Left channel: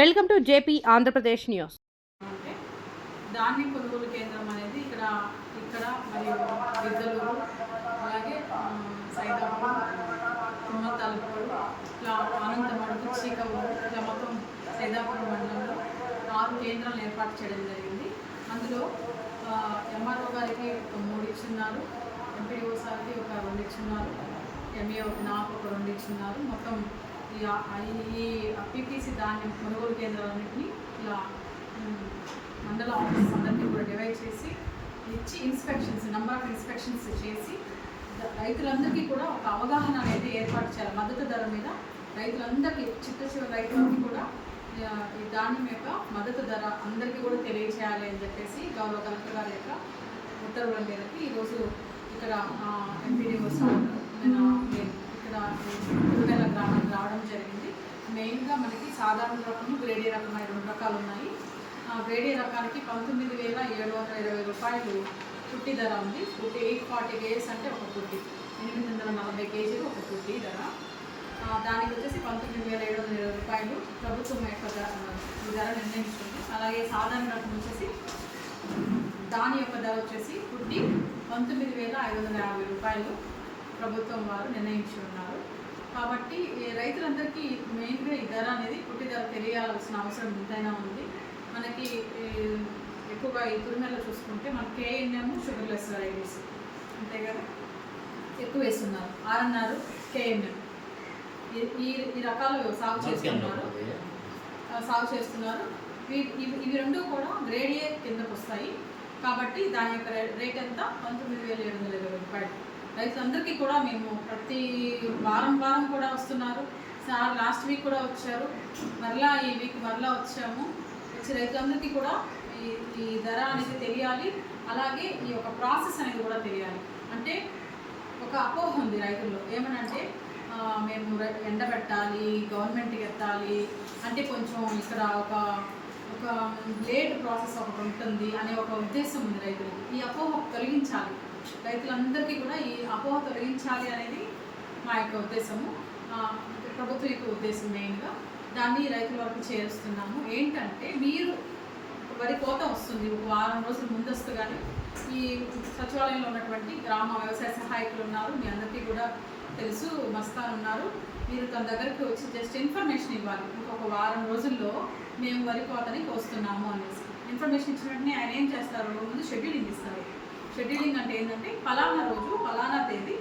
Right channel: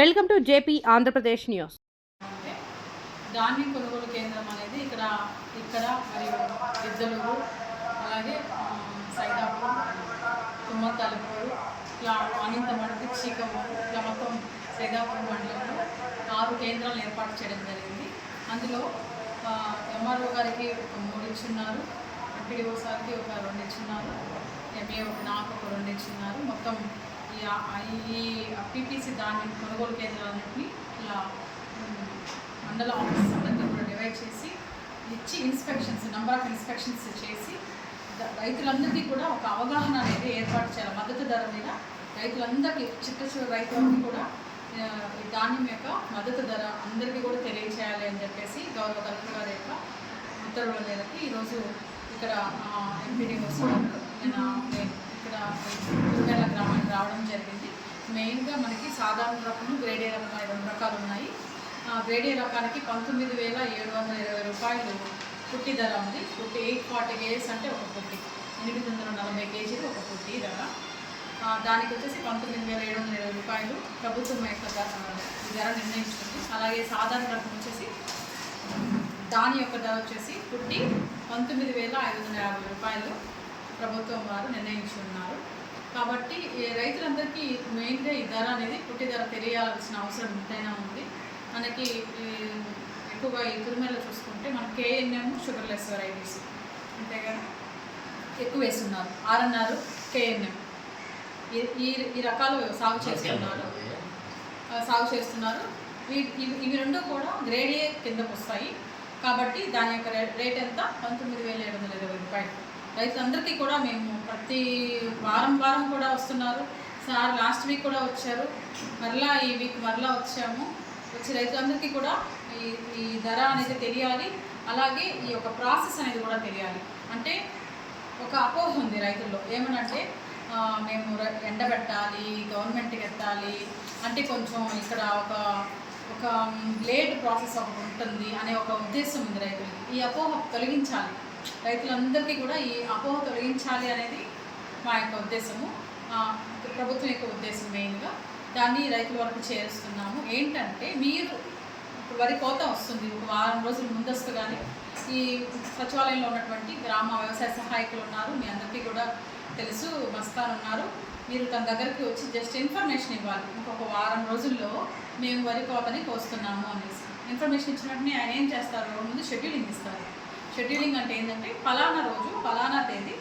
Welcome to JP Andhra Pradesh news. అంటే ధాన్యం కొనుగోలు కేంద్రం అనేది ఇక్కడ మరియు ఇద్దలూరు, అలాగే సైదాపురం, తుమ్మతలుపూరు, ఇట్లా అనంతమడుగు, చీకమూరు, ఇట్లా మొత్తం సైదాపురం మండలంలో 6 కేంద్రాలను ఏర్పాటు చేయడం జరిగింది. అందులో ఎంఆర్ఓ గారికి ఒక 3 ఇచ్చున్నారు, ఎంపీడీఓ సార్కి ఒక 2 ఇచ్చున్నారు, ఎంఈఓ నాకు ఒక 2 ఇచ్చున్నారు. మొత్తం ఈ పీపీసీ ధాన్యం కొనుగోలు కేంద్రాలన్నింటినీ ఇలా మండల ఆఫీస్ అందరికీ కూడా డివైడ్ చేసి ఇచ్చి నంబర్ ఆఫ్ ఇన్స్పెక్షన్స్ చేసి రైతులందరికీ కూడా ఒక అవగాహన అనేది ఏర్పాటు చేయాలి. మద్దతు ధర మీద రైతులందరికీ, చివరి రైతులందరికీ కూడా ఈ ధాన్యం యొక్క మద్దతు ధర అందరికీ కూడా తెలియచేయాలి అని చెప్పేసి గౌరవ కలెక్టర్ గారి యొక్క ఉత్తర్వుల మేరకు ఈరోజు ఇక్కడ ఎంపీడీఓ సార్ నేను ఇక్కడ తిరుమల గ్రామానికి రావడం జరిగింది. మెయిన్గా మనకి సాధారణ రకము, గ్రేడ్ ఏ రకం అనే 2 రకాలు ఉన్నాయి. గ్రేడ్ ఏ రకానికి 19,720 రూపాయలు పుట్టి ధర ఉంది. పుట్టి 840 కేజీస్ అంటే ఒక పుట్టి, 840 కేజీలు ఒక పుట్టి ధర. దానికి వచ్చేసి 19,720 రూపాయలు ప్రభుత్వం యొక్క ధర నిర్ణయించుకుంది. అలాగే సాధారణ రకం వచ్చేసి దాని యొక్క ధర వచ్చేసి పుట్టి 19,550 రూపాయలు ప్రభుత్వం వారు నిర్ణయించి ఉన్నారు. కాబట్టి రైతులందరికీ మెయిన్గా ఈ ధర అనేది, పుట్టి ధర తెలియాల్సిన అవసరం ఎంతైనా ఉంది. మనకి ఎక్కువగా ఈ తిరుమలలో చూసుకుంటే మనకి కేఎన్ఎం, షుగర్లెస్ వెరైటీస్ అంతే కదా ఎక్కువ వేస్తున్నారు. ఆర్ఎన్ఆర్, కేఎన్ఎం ఈ రకాలు సాగు చేస్తున్నారు. ఇవి 2 కూడా గ్రేడ్ ఏ కిందకు వస్తాయి. కాబట్టి దాని యొక్క రేట్ ఎంత? 19,720 రూపాయలు. రైతులందరికీ కూడా మేము ప్రతి వారం కూడా వస్తున్నారు. సార్ లాస్ట్ వీక్ కూడా వచ్చారు, మరలా ఈ వీక్ మరలా వచ్చాము. వచ్చి రైతులందరికీ కూడా ఈ ధర అనేది తెలియాలి. అలాగే ఈ యొక్క ప్రాసెస్ అనేది కూడా తెలియాలి. అంటే ఒక అపోహ ఉంది రైతుల్లో, ఏమనంటే మేము ఎండబెట్టాలి, గవర్నమెంట్కి ఎత్తాలి అంటే కొంచెం ఇక్కడ ఒక లేట్ ప్రాసెస్ ఒకటి ఉంటుంది అనే ఒక ఉద్దేశం ఉంది రైతులకి. ఈ అపోహ తొలగించాలి, రైతులందరికీ కూడా ఈ అపోహ తొలగించాలి అనేది మా యొక్క ఉద్దేశము, ప్రభుత్వం యొక్క ఉద్దేశం. మెయిన్గా దాన్ని రైతుల వరకు చేరుస్తున్నాము. ఏంటంటే మీరు వరి కోత వస్తుంది, ఒక వారం రోజుల ముందస్తుగానే ఈ సచివాలయంలో ఉన్నటువంటి గ్రామ వ్యవసాయ సహాయకులు ఉన్నారు, మీ అందరికీ కూడా తెలుసు, మస్తాన్ ఉన్నారు. మీరు తన దగ్గరికి వచ్చి జస్ట్ ఇన్ఫర్మేషన్ ఇవ్వాలి. ఇంకొక వారం రోజుల్లో మేము వరి కోతని కోస్తున్నాము అనేసి ఇన్ఫర్మేషన్ ఇచ్చిన వెంటనే ఆయన ఏం చేస్తారు, ముందు షెడ్యూలింగ్ ఇస్తారు. షెడ్యూలింగ్ అంటే ఏంటంటే ఫలానా రోజు, ఫలానా తేదీ,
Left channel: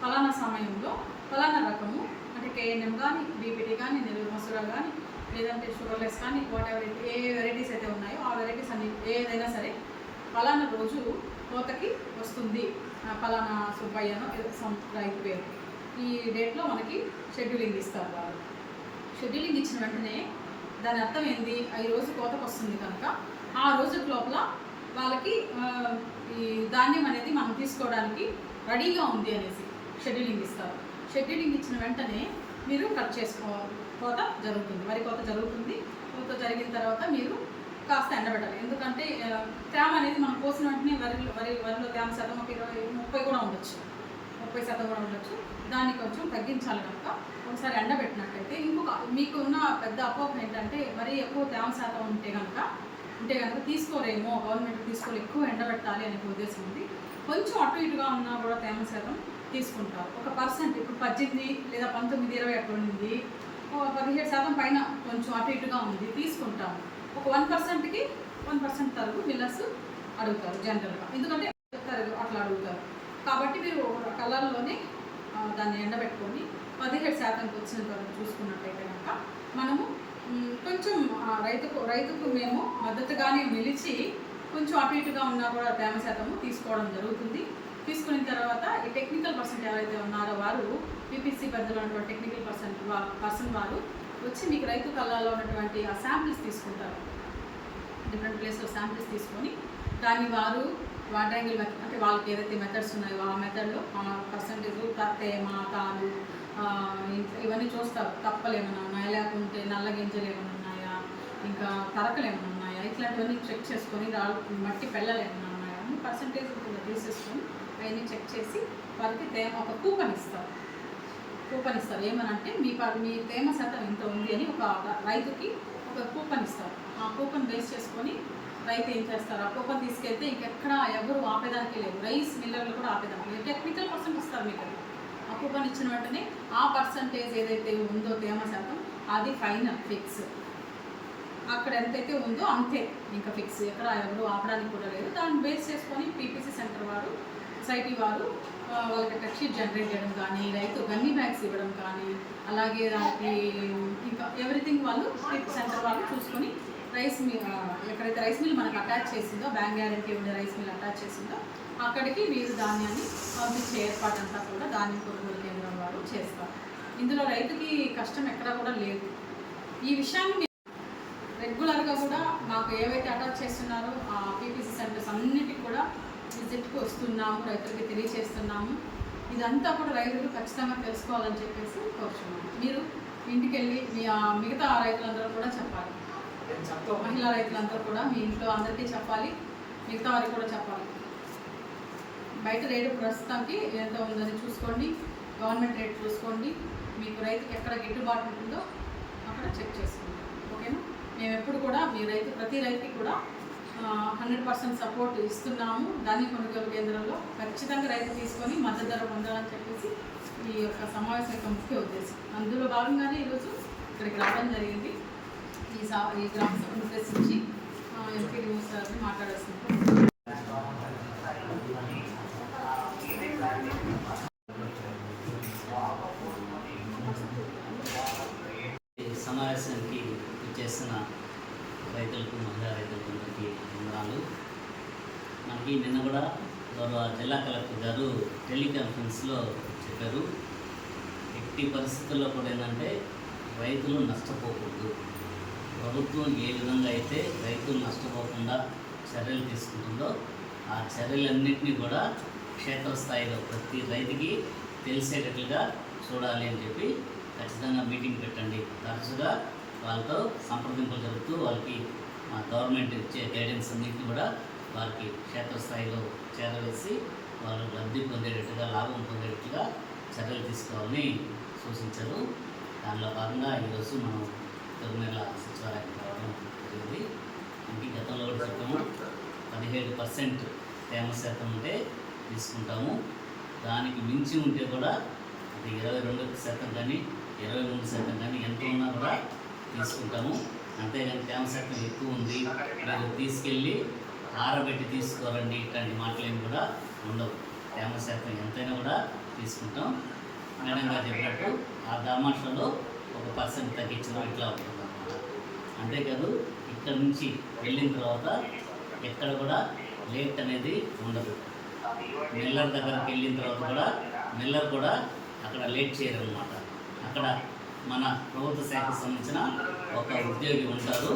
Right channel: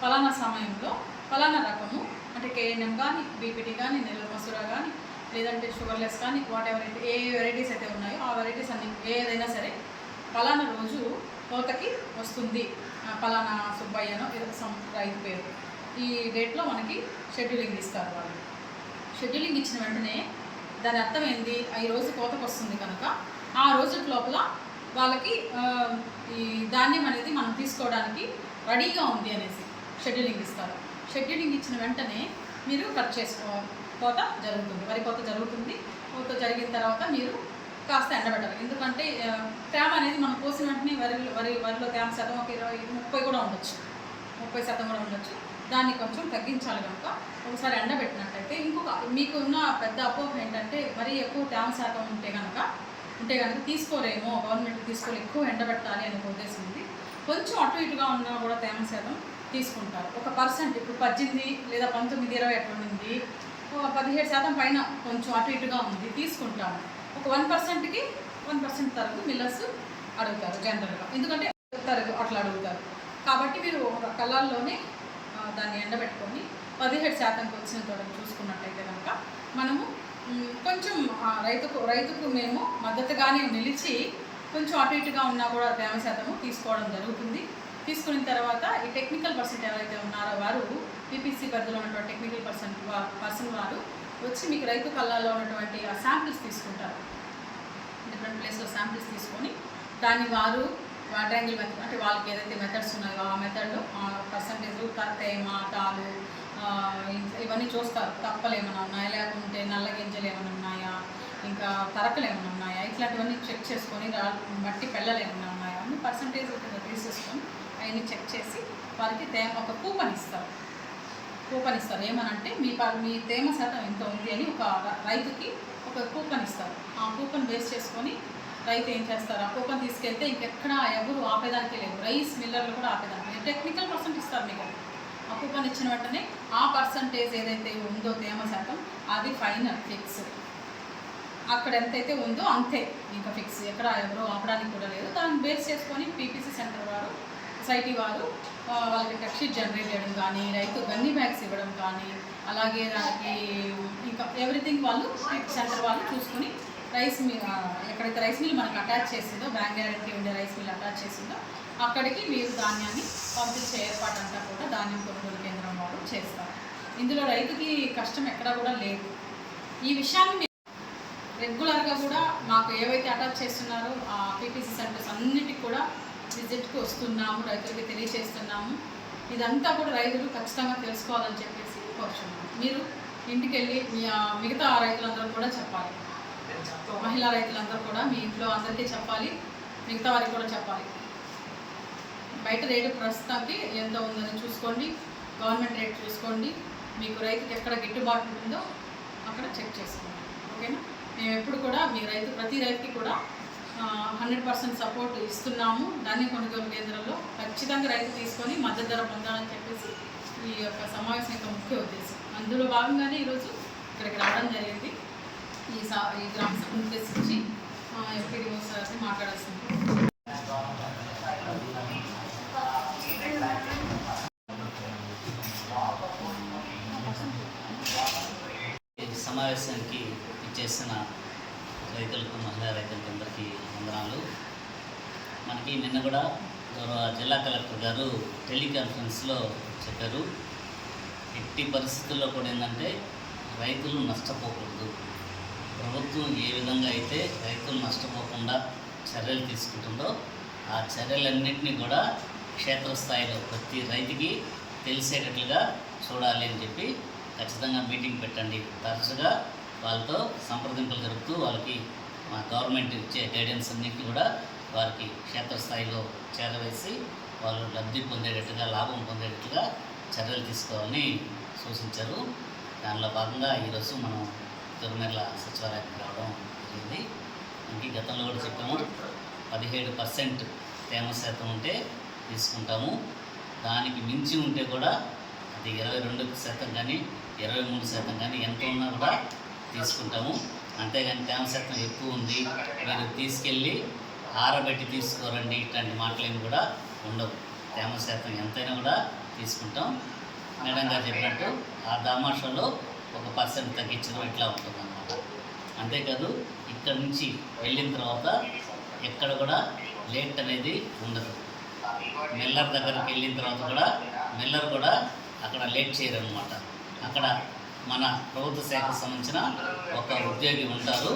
ఫలానా సమయంలో, ఫలానా రకము అంటే కేఎన్ఎం కానీ, బీపీటీ కానీ, నెల్లూరు మసూరా కానీ, లేదంటే షుగర్లెస్ కానీ, వాట్ ఎవర్ అయితే ఏ వెరైటీస్ అయితే ఉన్నాయో ఆ వెరైటీస్ అన్ని ఏదైనా సరే ఫలానా రోజు కోతకి వస్తుంది, ఫలానా సుబ్బయ్యనో ఏదో రైతు పేరు, ఈ డేట్లో మనకి షెడ్యూలింగ్ ఇస్తారు వాళ్ళు. షెడ్యూలింగ్ ఇచ్చిన వెంటనే దాని అర్థం ఏంది, ఈ రోజు కోతకు వస్తుంది కనుక ఆ రోజు లోపల వాళ్ళకి ఈ ధాన్యం అనేది మనం తీసుకోవడానికి రెడీగా ఉంది అనేసి షెడ్యూలింగ్ ఇస్తారు. షెడ్యూలింగ్ ఇచ్చిన వెంటనే మీరు కట్ చేసుకోవాలి, కోత జరుగుతుంది, వరి కోత జరుగుతుంది. కోత జరిగిన తర్వాత మీరు కాస్త ఎండబెట్టాలి. ఎందుకంటే తేమ అనేది మనం కోసిన వెంటనే వరిలో తేమ శాతం ఒక 20-30 కూడా ఉండొచ్చు, 30% కూడా ఉండొచ్చు. దాన్ని కొంచెం తగ్గించాలి కనుక ఒకసారి ఎండబెట్టినట్టయితే. ఇంకొక మీకు ఉన్న పెద్ద అపోహ ఏంటంటే మరీ ఎక్కువ తేమ శాతం ఉంటే కనుక తీసుకోలేమో, గవర్నమెంట్ తీసుకోలే, ఎక్కువ ఎండబెట్టాలి అనే ఉద్దేశం ఉంది. కొంచెం అటు ఇటుగా ఉన్నా కూడా తేమ శాతం తీసుకుంటారు. 1% ఇప్పుడు 18 లేదా 19, 20 అట్లా ఉంది, 17% పైన కొంచెం అటు ఇటుగా ఉంది, తీసుకుంటాము. ఒక 1%కి 1% తరుగు మిల్లర్స్ అడుగుతారు జనరల్గా, ఎందుకంటే తరుగు అట్లా అడుగుతారు. కాబట్టి మీరు కళ్ళల్లోనే దాన్ని ఎండబెట్టుకొని 17%కి వచ్చిన చూసుకున్నట్టయితే కనుక మనము కొంచెం రైతుకు మేము మద్దతుగానే నిలిచి కొంచెం అటు ఇటుగా ఉన్నా కూడా తేమ శాతము తీసుకోవడం జరుగుతుంది. తీసుకున్న తర్వాత ఈ టెక్నికల్ పర్సన్ ఎవరైతే ఉన్నారో వారు పీపీసీ పరిధిలో ఉన్నటువంటి టెక్నికల్ పర్సన్ వారు వచ్చి మీకు రైతు కళ్ళల్లో ఉన్నటువంటి ఆ శాంపిల్స్ తీసుకుంటారు. డిఫరెంట్ ప్లేస్లో శాంపిల్స్ తీసుకొని దాన్ని వారు వాడ్రాంగిల్ మెథడ్ అంటే వాళ్ళకి ఏదైతే మెథడ్స్ ఉన్నాయో ఆ మెథడ్లో పర్సంటేజ్, తేమ, తాలు ఇవన్నీ చూస్తారు. తప్పలు ఏమైనా ఉన్నాయా, లేకుంటే నల్ల గింజలు ఏమైనా ఉన్నాయా, ఇంకా తరకలు ఏమైనా ఉన్నాయా, ఇట్లాంటివన్నీ చెక్ చేసుకొని, మట్టి పెళ్ళలు ఏమైనా ఉన్నాయా అన్ని పర్సంటేజ్ కింద తీసేసుకొని అవన్నీ చెక్ చేసి వారికి ఒక కూపన్ ఇస్తారు. ఏమనంటే మీ తేమ శాతం ఎంత ఉంది అని ఒక రైతుకి ఒక కూపన్ బేస్ చేసుకొని రైతు ఏం చేస్తారు, ఆ కూపన్ తీసుకెళ్తే ఇంకెక్కడ ఎవరు ఆపేదానికి లేదు, రైస్ మిల్లర్లు కూడా ఆపేదానికి లేదు. టెక్నికల్ పర్సెంట్ ఇస్తారు మీకు అది. ఆ కూపన్ ఇచ్చిన వెంటనే ఆ పర్సంటేజ్ ఏదైతే ఉందో తేమ శాతం అది ఫైనల్ ఫిక్స్. అక్కడ ఎంతైతే ఉందో అంతే ఇంకా ఫిక్స్, ఎక్కడ ఎవరు ఆపడానికి కూడా లేదు. దాన్ని బేస్ చేసుకొని పీపీసీ సెంటర్ వారు, సొసైటీ వారు వాళ్ళకి టెక్ షీట్ జనరేట్ చేయడం కానీ, రైతు గన్నీ బ్యాగ్స్ ఇవ్వడం కానీ, అలాగే దానికి ఇంకా ఎవ్రీథింగ్ వాళ్ళు సెంటర్ వాళ్ళు చూసుకొని రైస్ మిల్ ఎక్కడైతే రైస్ మిల్ మనకు అటాచ్ చేసిందో, బ్యాంక్ గ్యారంటీ ఉండే రైస్ మిల్ అటాచ్ చేసిందో అక్కడికి మీరు ధాన్యాన్ని పంపించే ఏర్పాటు అంతా కూడా ధాన్యం కొనుగోలు కేంద్రం వారు చేస్తారు. ఇందులో రైతుకి కష్టం ఎక్కడా కూడా లేదు. ఈ విషయాన్ని రెగ్యులర్గా కూడా మాకు ఏవైతే అటాచ్ చేస్తున్నారో ఆ పీపీసీ సెంటర్స్ అన్నిటికి కూడా విజిట్కి వస్తున్నాము, రైతులకి తెలియచేస్తున్నాము. ఇదంతా కూడా రైతులు ఖచ్చితంగా తెలుసుకోవాలని చెప్పేసి కోరుచున్నాము. మీరు ఇంటికి వెళ్ళి మిగతా రైతులందరూ కూడా చెప్పాలి, మహిళా రైతులందరూ కూడా మీ ఇంట్లో అందరికీ చెప్పాలి, మిగతా వారికి కూడా చెప్పాలి. బయట రేటు ప్రస్తుతానికి ఎంత ఉందని చూసుకోండి, గవర్నమెంట్ రేట్ చూసుకోండి, మీకు రైతుకి ఎక్కడ గిట్టుబాటు ఉంటుందో అక్కడ చెక్ చేసుకోండి. ఓకేనా? మేము ఎప్పుడు కూడా ప్రతి రైతుకి కూడా 100% సపోర్ట్ ఇస్తున్నాము. ధాన్యం కొనుగోలు కేంద్రంలో ఖచ్చితంగా రైతు తీసుకొని మద్దతు ధర పొందాలని చెప్పేసి ఈ యొక్క సమావేశం యొక్క ముఖ్య ఉద్దేశం. అందులో భాగంగానే ఈరోజు ఇక్కడికి రావడం జరిగింది. ఈ గ్రామ సభను ఉద్దేశించి ఎంపీడీఓ సార్ని మాట్లాడాల్సింది. సమావేశానికి ఇచ్చేసిన రైతులకు, మహిళా రైతులకు అందరికీ వందనాలు. మనకి నిన్న కూడా గౌరవ జిల్లా కలెక్టర్ గారు టెలికాన్ఫరెన్స్లో చెప్పారు, ఎట్టి పరిస్థితుల్లో కూడా ఏంటంటే రైతులు నష్టపోకూడదు. ప్రభుత్వం ఏ విధంగా అయితే రైతులు నష్టపోకుండా చర్యలు తీసుకుంటుందో ఆ చర్యలన్నింటినీ కూడా క్షేత్రస్థాయిలో ప్రతి రైతుకి తెలిసేటట్లుగా చూడాలి అని చెప్పి ఖచ్చితంగా మీటింగ్ పెట్టండి. తరచుగా వాళ్ళతో సంప్రదింపులు జరుపుతూ వాళ్ళకి మా గవర్నమెంట్ ఇచ్చే గైడెన్స్ అన్నింటినీ కూడా వారికి క్షేత్రస్థాయిలో చేరవేసి వాళ్ళు లబ్ధి పొందేటట్టుగా, లాభం పొందేటట్టుగా చర్యలు తీసుకోవాలని సూచించారు. దానిలో భాగంగా ఈరోజు మనం తిరుమల సచివాలయానికి రావడం జరిగింది. మనకి గతంలో కూడా చెప్పాము, 17% తేమ శాతం ఉంటే తీసుకుంటాము, దానికి మించి ఉంటే కూడా అది 22% కానీ 23% కానీ ఎంత ఉన్నా కూడా తీసుకుంటాము. అంతేగాని తేమ శాతం ఎక్కువ ఉంది, మీరు తీసుకెళ్ళి ఆరబెట్టి తీసుకోరండి, ఇట్లాంటి మాటలేమి కూడా ఉండవు. తేమ శాతం ఎంతైనా కూడా తీసుకుంటాం. మేడం గారు చెప్పినట్టు ఆ దామాషలో 1% తగ్గించడం ఇట్లా ఉంటుందన్నమాట. అంతేకాదు ఇక్కడ నుంచి వెళ్ళిన తర్వాత ఎక్కడ కూడా లేట్ అనేది ఉండదు. మిల్లర్ దగ్గరికి వెళ్ళిన తర్వాత కూడా మిల్లర్ కూడా అక్కడ లేట్ చేయరన్నమాట. అక్కడ మన ప్రభుత్వ శాఖకు సంబంధించిన ఒక ఉద్యోగి ఉంటారు,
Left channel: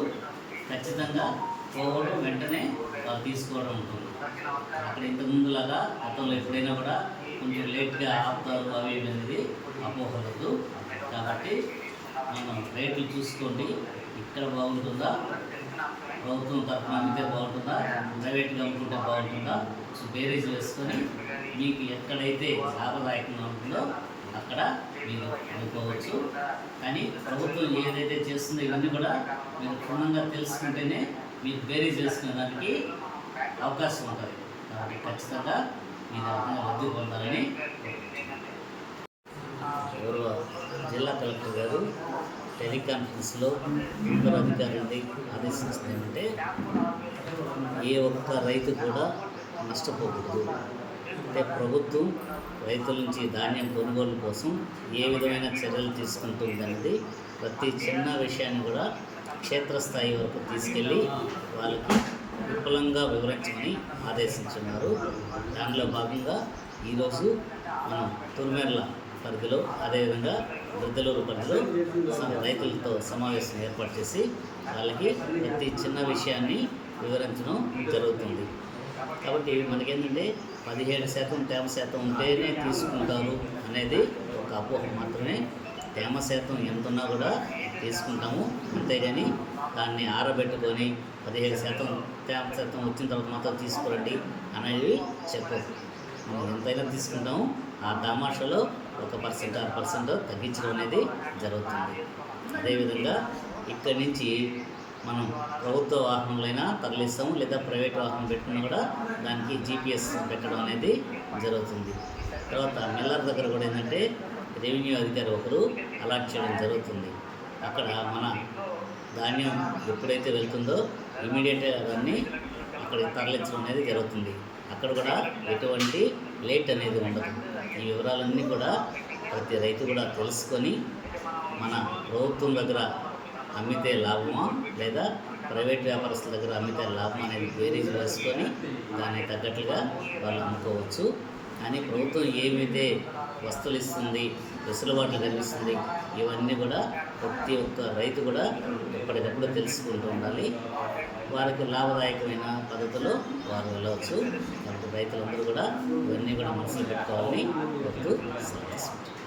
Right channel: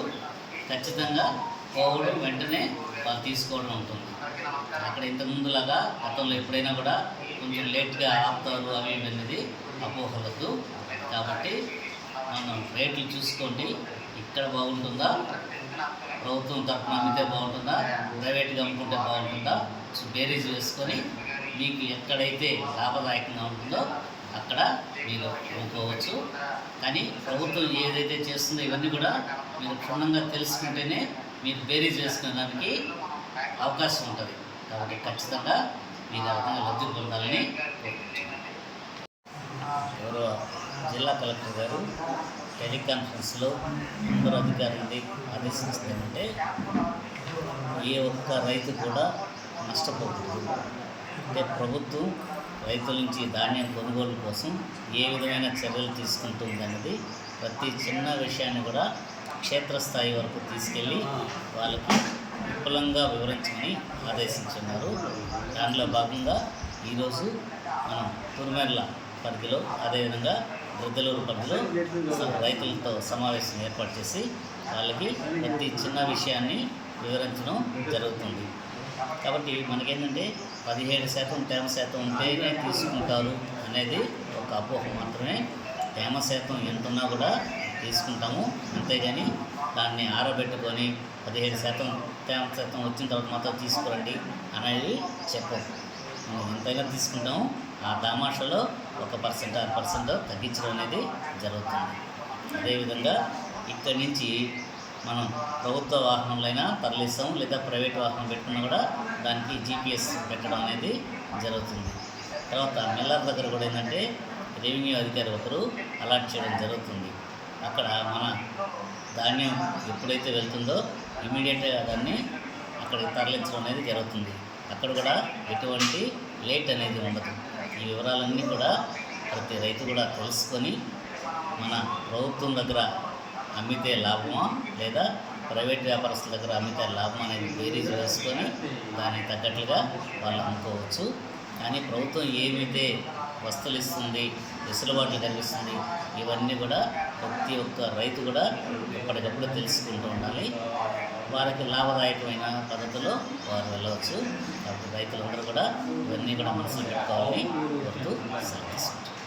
ఖచ్చితంగా పోవడం వెంటనే వాళ్ళు తీసుకోవడం ఉంటుంది. అక్కడ ఇంతకుముందులాగా గతంలో ఎప్పుడైనా కూడా కొంచెం లేట్గా ఆపుతారు అవి ఇవి అనేది అపోహలద్దు. కాబట్టి మనం రేట్లు చూసుకోండి, ఇక్కడ బాగుంటుందా, ప్రభుత్వం తరఫున అమ్మితే బాగుంటుందా, ప్రైవేట్గా అమ్ముకుంటే బాగుంటుందా, బేరీజ్ వేసుకొని మీకు ఎక్కడైతే లాభదాయకంగా ఉంటుందో అక్కడ మీరు అమ్ముకోవచ్చు. కానీ ప్రభుత్వం ఏదైతే చేస్తుందో ఇవన్నీ కూడా మీరు క్షుణ్ణంగా తెలుసుకుంటేనే మీరు బేరీజ్ వేసుకునేదానికి అవకాశం ఉంటుంది. కాబట్టి ఖచ్చితంగా మీరు ఆ విధంగా లబ్ధి పొందాలని ఎవరో జిల్లా కలెక్టర్ గారు టెలికాన్ఫరెన్స్లో అందరూ అధికారులని ఆదేశించింది ఏమంటే, ఏ ఒక్క రైతు కూడా నష్టపోకూడదు. అంటే ప్రభుత్వం రైతుల నుంచి ధాన్యం కొనుగోలు కోసం ఏ విధమైన చర్యలు తీసుకుంటుందన్నది ప్రతి చిన్న విషయాన్ని కూడా క్షేత్రస్థాయి వరకు తీసుకెళ్ళి వాళ్ళకి విపులంగా వివరించమని ఆదేశించున్నారు. దానిలో భాగంగా ఈరోజు మనం తురుమెర్ల పరిధిలో, అదేవిధంగా దుర్గలూరు పరిధిలో రైతులతో సమావేశం ఏర్పాటు చేసి వాళ్ళకి ప్రతి చిన్న విషయాన్ని వివరించడం జరుగుతుంది. కాబట్టి మనకేంటంటే 17% తేమ శాతం ఉంటేనే తీసుకుంటారు అనేది ఒక అపోహ మాత్రమే. తేమ శాతం ఎంత ఉన్నా కూడా తీసుకుంటాము, అంతేగాని దాన్ని ఆరబెట్టుకొని 17% తేమ శాతం వచ్చిన తర్వాత మాత్రం తీసుకురండి అనేది చెప్పవు. మనం ఎంతైనా తీసుకుంటాము, ఆ దామాషలో 1% 6% తగ్గించడం అనేది జరుగుతుంది. అదేవిధంగా ఇక్కడి నుంచి మనం ప్రభుత్వ వాహనంలో తరలిస్తాము, లేదా ప్రైవేట్ వాహనం పెట్టుకున్నా కూడా దానికి GPS పెట్టడం అనేది జరుగుతుంది. తర్వాత మిల్లర్ దగ్గర కూడా ఏంటంటే రెవెన్యూ అధికారి ఒకరు అలాట్ చేయడం జరుగుతుంది. అక్కడ మన ధాన్యం ఎప్పుడైతే వెళ్తుందో ఇమీడియట్గా దాన్ని అక్కడికి తరలించడం అనేది జరుగుతుంది. అక్కడ కూడా ఎటువంటి లేట్ అనేది ఉండదు. ఈ వివరాలన్నీ కూడా ప్రతి రైతు కూడా తెలుసుకొని మన ప్రభుత్వం దగ్గర అమ్మితే లాభమా లేదా ప్రైవేట్ వ్యాపారస్తుల దగ్గర అమ్మితే లాభం అనేది బేరీజ్ వేసుకొని దానికి తగ్గట్లుగా వాళ్ళు అమ్ముకోవచ్చు. కానీ ప్రభుత్వం ఏమైతే వస్తువులు ఇస్తుంది, వెసులుబాట్లు కల్పిస్తుంది, ఇవన్నీ కూడా ప్రతి ఒక్క రైతు కూడా ఎప్పటికప్పుడు తెలుసుకుంటూ ఉండాలి. వారికి లాభదాయకమైన పద్ధతిలో వారు వెళ్ళవచ్చు. కాబట్టి రైతులందరూ కూడా ఇవన్నీ కూడా మనసులో పెట్టుకోవాలని కోరుతూ సెలవు తీసుకుంటారు.